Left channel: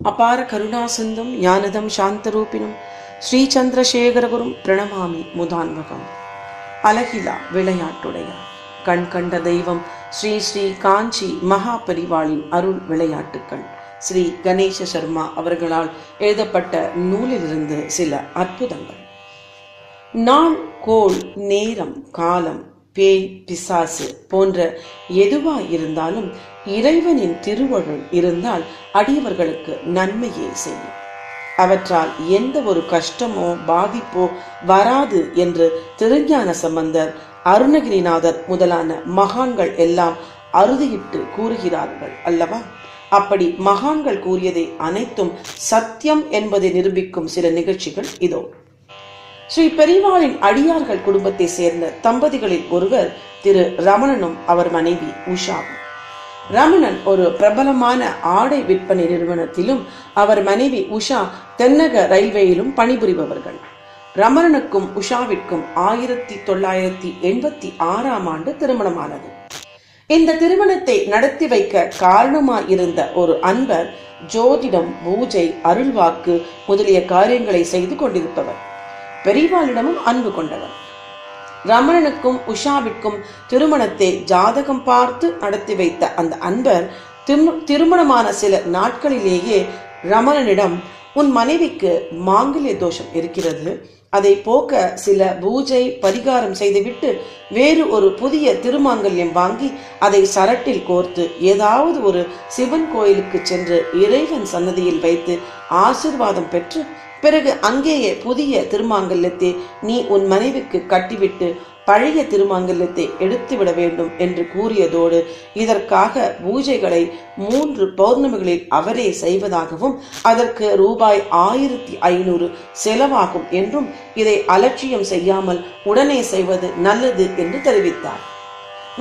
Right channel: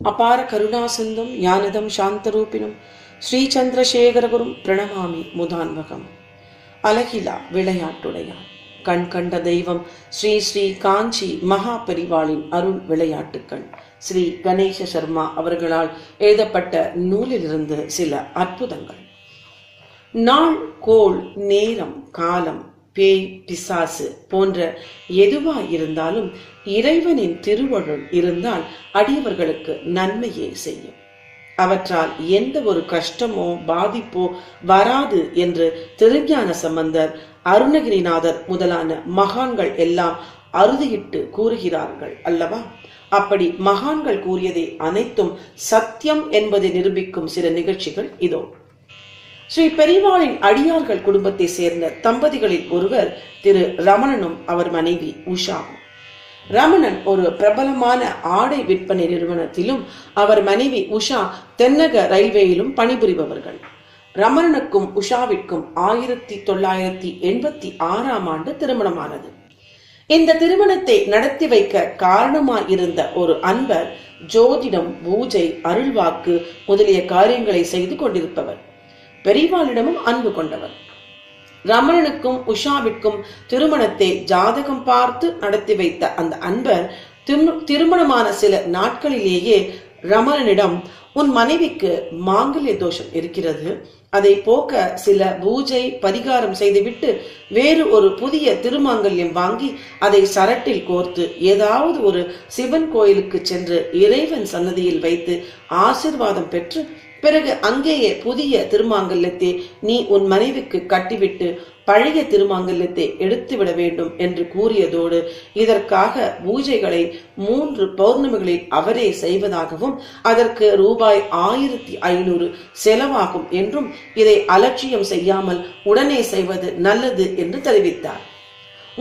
அபார கருணாசிந்தும் ஞானதம் சாந்தரூபிணும் ஸ்ரீசந்திரசேகரகுரும் பிரணமாமி முதான்வகம். அழகிலா விளையாட்டுடையான் கண் கண்ட தெய்வம் ஸ்ரீ ஸ்ரீ காஞ்சி மகா பெரிவாளின் அருள் விளையாட்டுக்கள். ஸ்ரீ கணேச சர்மா அவர்களால் எழுதப்பட்ட நூலிலிருந்து சில அற்புதங்கள். நாள், கோள், நேரம், காலம், பேய், பிசாசு போன்ற எதுவாய் இருந்தாலும் இறைவனின் திருவருள் இருந்தால் அடியவர்களுக்கு நன்மையே செய்யும். அவற்றால் எந்த ஒரு கஷ்டமோ பாதிப்போ வராது என்று திருஞான சம்பந்தர், அருணகிரிநாதர் முதலான மகான்கள் எல்லாம் அறுதியிட்டு கூறுகிறார்கள் அல்லவா? அப்படி மகான்கள் கூறியதை அனைத்தும் சத்தியம் என்பதை நிரூபிக்கும் சில நிகழ்ச்சிகள் இதோ. ஸ்ரீ பெரிவாளின் அடியார்கள் குடும்பத்தை சேர்ந்த தம்பதிகளில் ஒருவர் திரு ரமணனும் அவர் மனைவி உஷாவும். ரமணன் ஒரு பிரபலமான ஆடை விற்பனை நிறுவனத்திலும் அவர் மனைவி உஷா தென்னக ரயில்வேயிலும் பணிபுரிபவர்கள். ரமணனுக்கும் உஷாவிற்கும் 1986 திருமணமானது. இந்த திருமணத்தை நடத்தி வைக்க காரணமாயிருந்த ஒரு அன்பர் ஜோதிடம், பூஜை, அருள்வாக்கு முதலிய காரியங்களை செய்து கொண்டிருப்பவர். பெரிவாளிடமும் அன்பு கொண்டவர். ரமணனுக்கும் உஷாவிற்கும் திருமணத்தை ஜாதகம் பார்த்து நடத்தி வைத்த அந்த அன்பர் திருமணமான சில நாட்களிலேயே ரமணனிடம், உன் மனைவிக்கு மாங்கல்ய தோஷம் இருக்கிறது, அதை போக்க சில பூஜை பரிகாரம் செய்துவிட்டு வேறு ஒரு புதிய திருமாங்கல்யம் வாங்கி அதை சரட்டில் கோர்த்து ஏதாவது ஒரு சிவன் கோயிலுக்கு சென்று இறைவன் சன்னதியில் வைத்து ஆசிர்வாதம் பெற்று பிறகு அங்கேயே புதிய திருமாங்கல்யத்தை நீ உன் மனைவிக்கு கட்டிவிட்டு பழைய திருமாங்கல்யத்தை எடுத்துவிட வேண்டும் என்று கூறியதோடு இதற்காக பூஜைகளை 3 பௌர்ணமிகளில் அவரே செய்வதாகவும் அதற்கு ரூபாய் 1500 செலவாகும் என்றும் இதை அலட்சியம் செய்யாமல் உடனே செய்வது நல்லது என்று தெரிவித்தார்.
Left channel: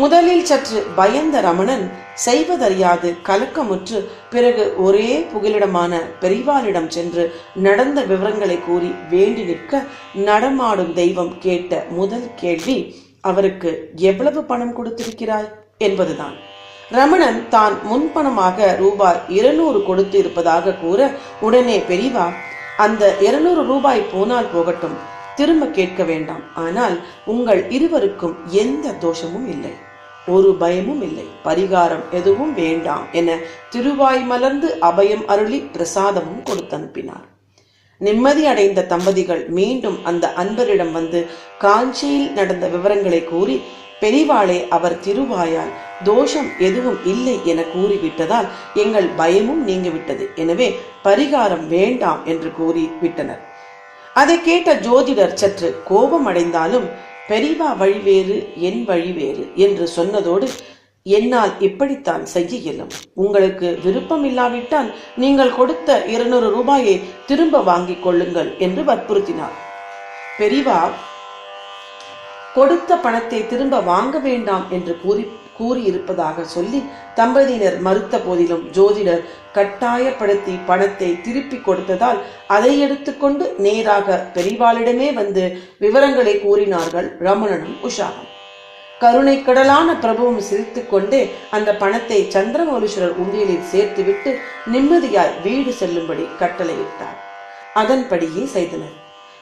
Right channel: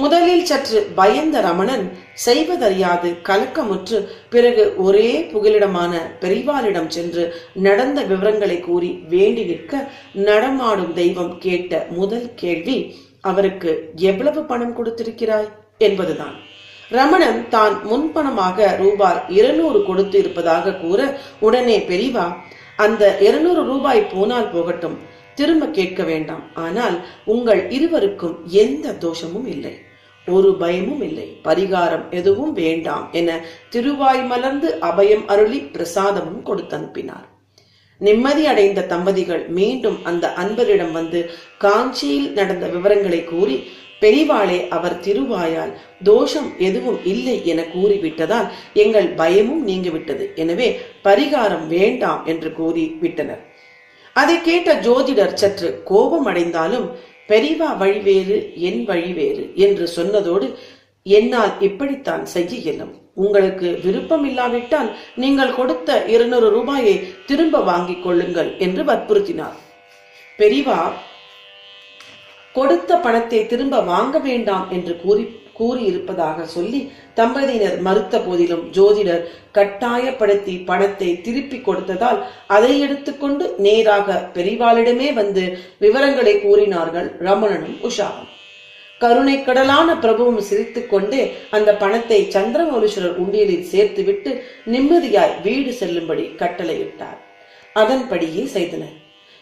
முதலில் சற்று பயந்த ரமணன் செய்வதறியாது கலக்கமுற்று பிறகு ஒரே புகலிடமான பெரிவாளிடம் சென்று நடந்த விவரங்களை கூறி வேண்டி நிற்க, நடமாடும் தெய்வம் கேட்ட முதல் கேள்வி, அவருக்கு எவ்வளவு பணம் கொடுத்திருக்கிறாய் என்பதுதான். ரமணன் தான் முன்பணமாக ரூபாய் 200 கொடுத்து இருப்பதாக கூற, உடனே பெரிவா, அந்த 200 ரூபாய் போனால் போகட்டும், திரும்ப கேட்க வேண்டாம், ஆனால் உங்கள் இருவருக்கும் எந்த தோஷமும் இல்லை, ஒரு பயமும் இல்லை, பரிகாரம் எதுவும் வேண்டாம் என திருவாய் மலர்ந்து அபயம் அருளி பிரசாதமும் கொடுத்தனுப்பினார். நிம்மதி அடைந்த தம்பதிகள் மீண்டும் அந்த அன்பரிடம் வந்து காஞ்சியில் நடந்த விவரங்களை கூறி, பெரிவாளே, அவர் திருவாயால் தோஷம் எதுவும் இல்லை என கூறிவிட்டதால் எங்கள் பயமும் நீங்கிவிட்டது, எனவே பரிகாரம் வேண்டாம் என்று கூறி விட்டனர். அதை கேட்ட ஜோதிடர் சற்று கோபம் அடைந்தாலும், பெரிவா வழி வேறு, என் வழி வேறு என்று சொன்னதோடு, என்னால் இப்படித்தான் செய்ய இயலும், உங்களுக்கு விருப்பம் இல்லாவிட்டால் நீங்கள் கொடுத்த 200 ரூபாயை திரும்ப வாங்கிக் கொள்ளுங்கள் என்று வற்புறுத்தினார். பெரிவா கொடுத்த பணத்தை திரும்ப வாங்க வேண்டாம் என்று கூறியிருப்பதாக சொல்லி தம்பதியினர் மறுத்த போதிலும் ஜோதிடர் கட்டாயப்படுத்தி பணத்தை திருப்பி கொடுத்ததால் அதை எடுத்துக்கொண்டு நேராக பெரிவாளிடமே வந்து விவரங்களை கூறினார்கள் ரமணனும் உஷாவும். கருணை கடலான பிரபுவும் சிரித்துக் கொண்டே அந்த பணத்தை சந்திரமௌலீஸ்வரர் உண்டியலில் சேர்த்துவிட்டு நிம்மதியாய் வீடு செல்லும்படி கட்டளையிட்டார். அதன்படியே செய்தனர்.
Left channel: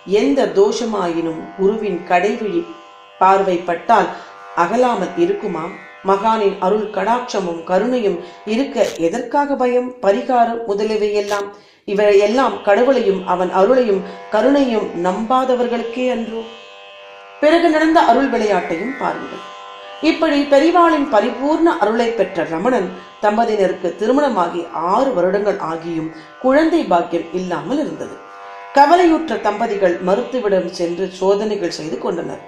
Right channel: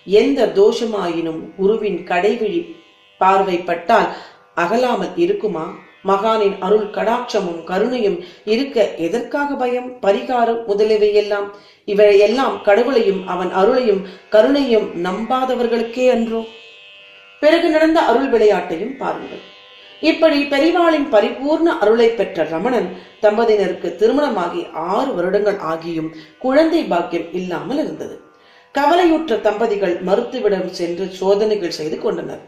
எந்த தோஷமாயினும் குருவின் கடைவிழி பார்வைப்பட்டால் அகலாமல் இருக்குமா? மகானின் அருள் கடாட்சமும் கருணையும் இருக்க எதற்காக பயம், பரிகாரம் முதலியவையெல்லாம்? இவையெல்லாம் கடவுளையும் அவன் அருளையும் கருணையும் நம்பாதவர்களுக்கே அன்றோ? பிறகு நடந்த அருள் விளையாட்டையும் பாருங்கள். இப்படி பெரிவாளின் பரிபூர்ண அருளை பெற்ற ரமணன் தம்பதியினருக்கு திருமணமாகி 6 வருடங்கள் ஆகியும் குழந்தை பாக்கியம் இல்லாமல் இருந்தது. கவலையுற்ற தம்பதிகள் மருத்துவரிடம் சென்று சோதனைகள் செய்து கொண்டனர்.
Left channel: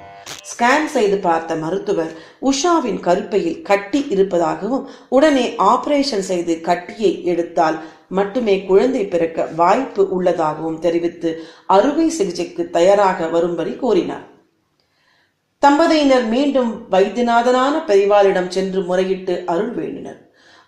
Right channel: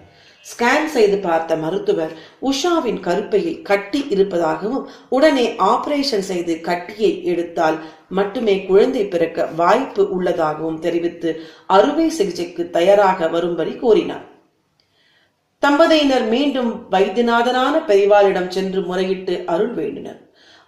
ஸ்கேன் செய்து பார்த்த மருத்துவர் உஷாவின் கருப்பையில் கட்டி இருப்பதாகவும் உடனே ஆபரேஷன் செய்து கட்டியை எடுத்தால் மட்டுமே குழந்தை பிறக்க வாய்ப்பு உள்ளதாகவும் தெரிவித்து அறுவை சிகிச்சைக்கு தயாராக வரும்படி கூறினார். தம்பதியினர் மீண்டும் வைத்தியநாதனான பெரிவாளிடம் சென்று முறையிட்டு அருள் வேண்டினர்.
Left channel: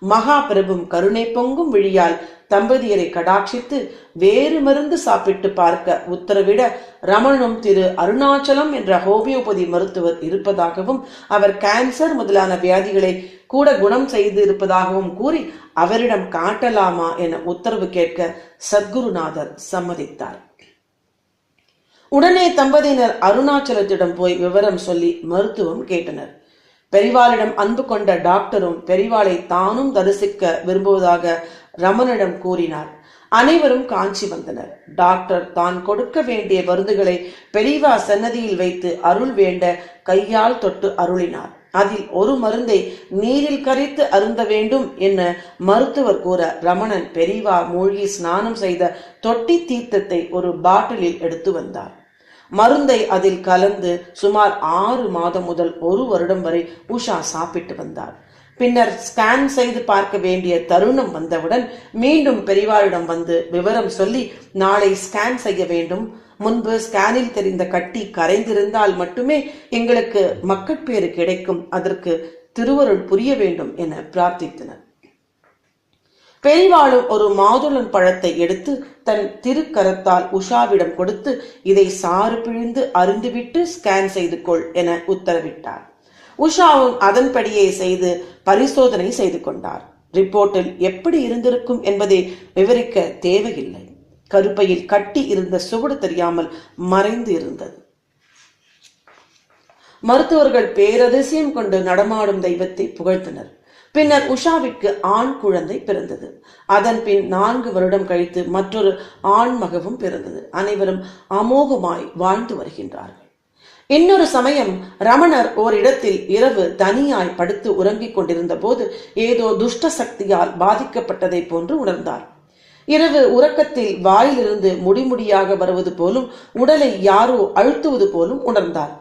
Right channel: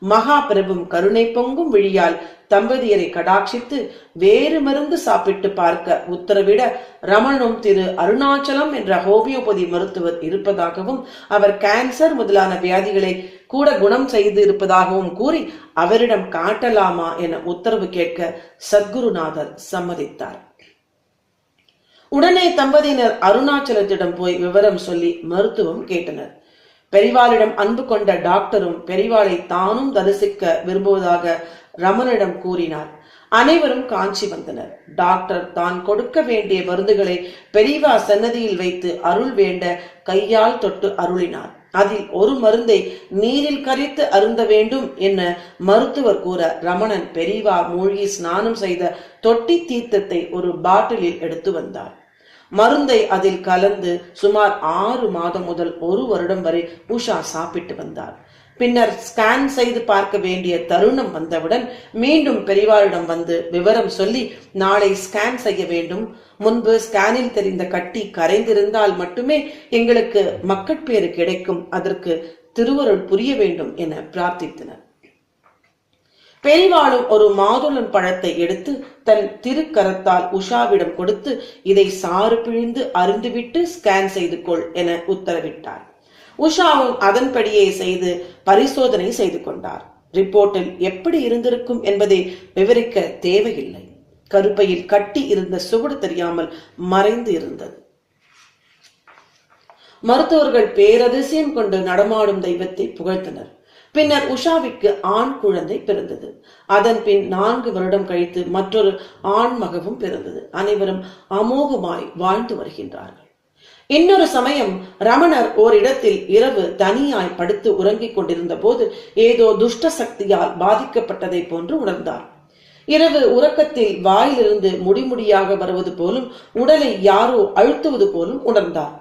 மகா பிரபும் கருணை பொங்கும் விழியால் தம்பதியரை கடாட்சித்து வேறு மருந்து சாப்பிட்டு பார்க்க உத்தரவிட, ரமணனும் திரு அருணாச்சலம் என்ற ஹோமியோபதி மருத்துவர் இருப்பதாகவும் அவர் கேன்சர் முதலான வியாதிகளை கூட குணம் செய்து இருப்பதாகவும் கூறி அவரிடம் காட்டலாமா என உத்தரவு கேட்க சத்குருநாதர் சம்மதித்தார். உடனே தம்பதியினர் அருணாச்சலத்திடம் போய் விவரம் சொல்லி மருத்துவம் கேட்டனர். பெரிவாளிடம் அன்பு கொண்ட டாக்டரும் பெரிவாளை தானும் தரிசிக்க விரும்புவதாக ரமணனிடம் கூறினார். அனைவரும் காஞ்சி வந்தனர். டாக்டர் தான் கொடுக்க வேண்டிய மருந்துகளை பெரியவா சன்னதியில் வைத்து அருள் வேண்ட கையால் தொட்டு அருளினார். அதில் ஒரு மருந்தை நீரில் கரைத்து அருந்த வேண்டும் என மருத்துவர் கூற ரமணன் பெரியவா மூழ்கி ஸ்நானம் செய்த தொட்டி தீர்த்தத்தை ஒரு பாட்டிலில் எடுத்து வந்தார். மருந்தை அதில் கலந்து சுமார் 6 மாதம் முதல் 1 வருடம் வரை உஷா சாப்பிட்டு வந்தார். பின்னர் ஸ்கேன் செய்து பார்க்க வேண்டிய தருணம் வந்தவுடன் மீண்டும் பெரிவாரிடம் வந்து விவரம் சொல்லி நாளை ஸ்கேன் செய்ய வேண்டும், முன்பு ஸ்கேனில் தெரிந்த கட்டி கரைந்திருந்தால் மட்டுமே எங்களுக்கு மக்கட்பேறு கிடைக்கும், அதற்கு திருவருள் புரிய வேண்டும் என பிரார்த்தித்தனர். பெரிவாளும் ஒரு மாதுளம் பழத்தை எடுத்து தன் திருக்கரத்தால் உஷாவிடம் கொடுத்து இதை சாறு பிழிந்து அருந்துவிட்டு ஸ்கேன் செய்து கொள் என உத்தரவிட்டார். உஷாவும் அதன்படியே செய்து பரிசோதனை செய்து கொண்டார். ரிப்போர்ட்டில் எப்படி இருந்திருக்கும் என்பதை விவரிக்க தேவையில்லை. கருப்பையில் கட்டி இருந்த சுவடு தெரியாமல் மறைந்து இருந்தது. மருத்துவர்கள் பேரதிசயம் கொண்டு நடமாடும் தெய்வத்தை புகழ்த்தனர். பின்னர் உஷாவிற்கு ஆண் குழந்தை பிறந்தது. அதன் பின் 4 வருடம் கழித்து மற்றொரு ஆண் மகவும் பிறந்தது. அனைவரும் அமோகமாய் வாழ்ந்து வருகின்றார்கள். இன்னொரு சமயம் ரமணர் ஓரிடத்தில் இரவு தனியாய் படுத்து உறங்கிக் கொண்டிருந்த போது ஏதோ துஷ்ட சக்தியால் பாதிக்கப்பட்டதை போன்று உணர்ந்தார். இரவு உறக்கத்தில் வாயிலிருந்து முடிமுடியாக வருவது போலும் உடலை யாரோ அழுத்துவது போலும் உணர்ந்தார்.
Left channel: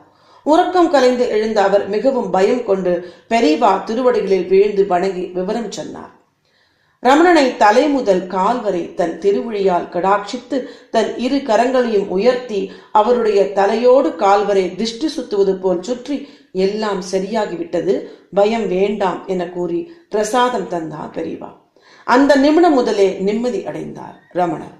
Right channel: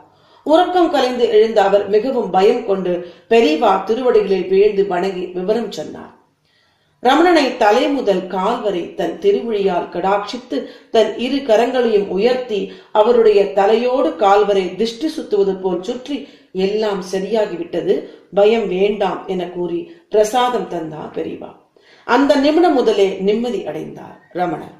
உறக்கம் கலைந்து எழுந்த அவர் மிகவும் பயம் கொண்டு பெரியவா திருவடிகளில் வீழ்ந்து வணங்கி விவரம் சொன்னார். ரமணனை தலை முதல் கால் வரை தன் திருவிழியால் கடாட்சித்து தன் 2 கரங்களையும் உயர்த்தி அவருடைய தலையோடு கால் வரை திஷ்டி சுத்துவது போல் சுற்றி எல்லாம் சரியாகிவிட்டது, பயம் வேண்டாம் என கூறி பிரசாதம் தந்தார் பெரியவா. அந்த நிமிடம் முதலே நிம்மதி அடைந்தார் ரமணன்.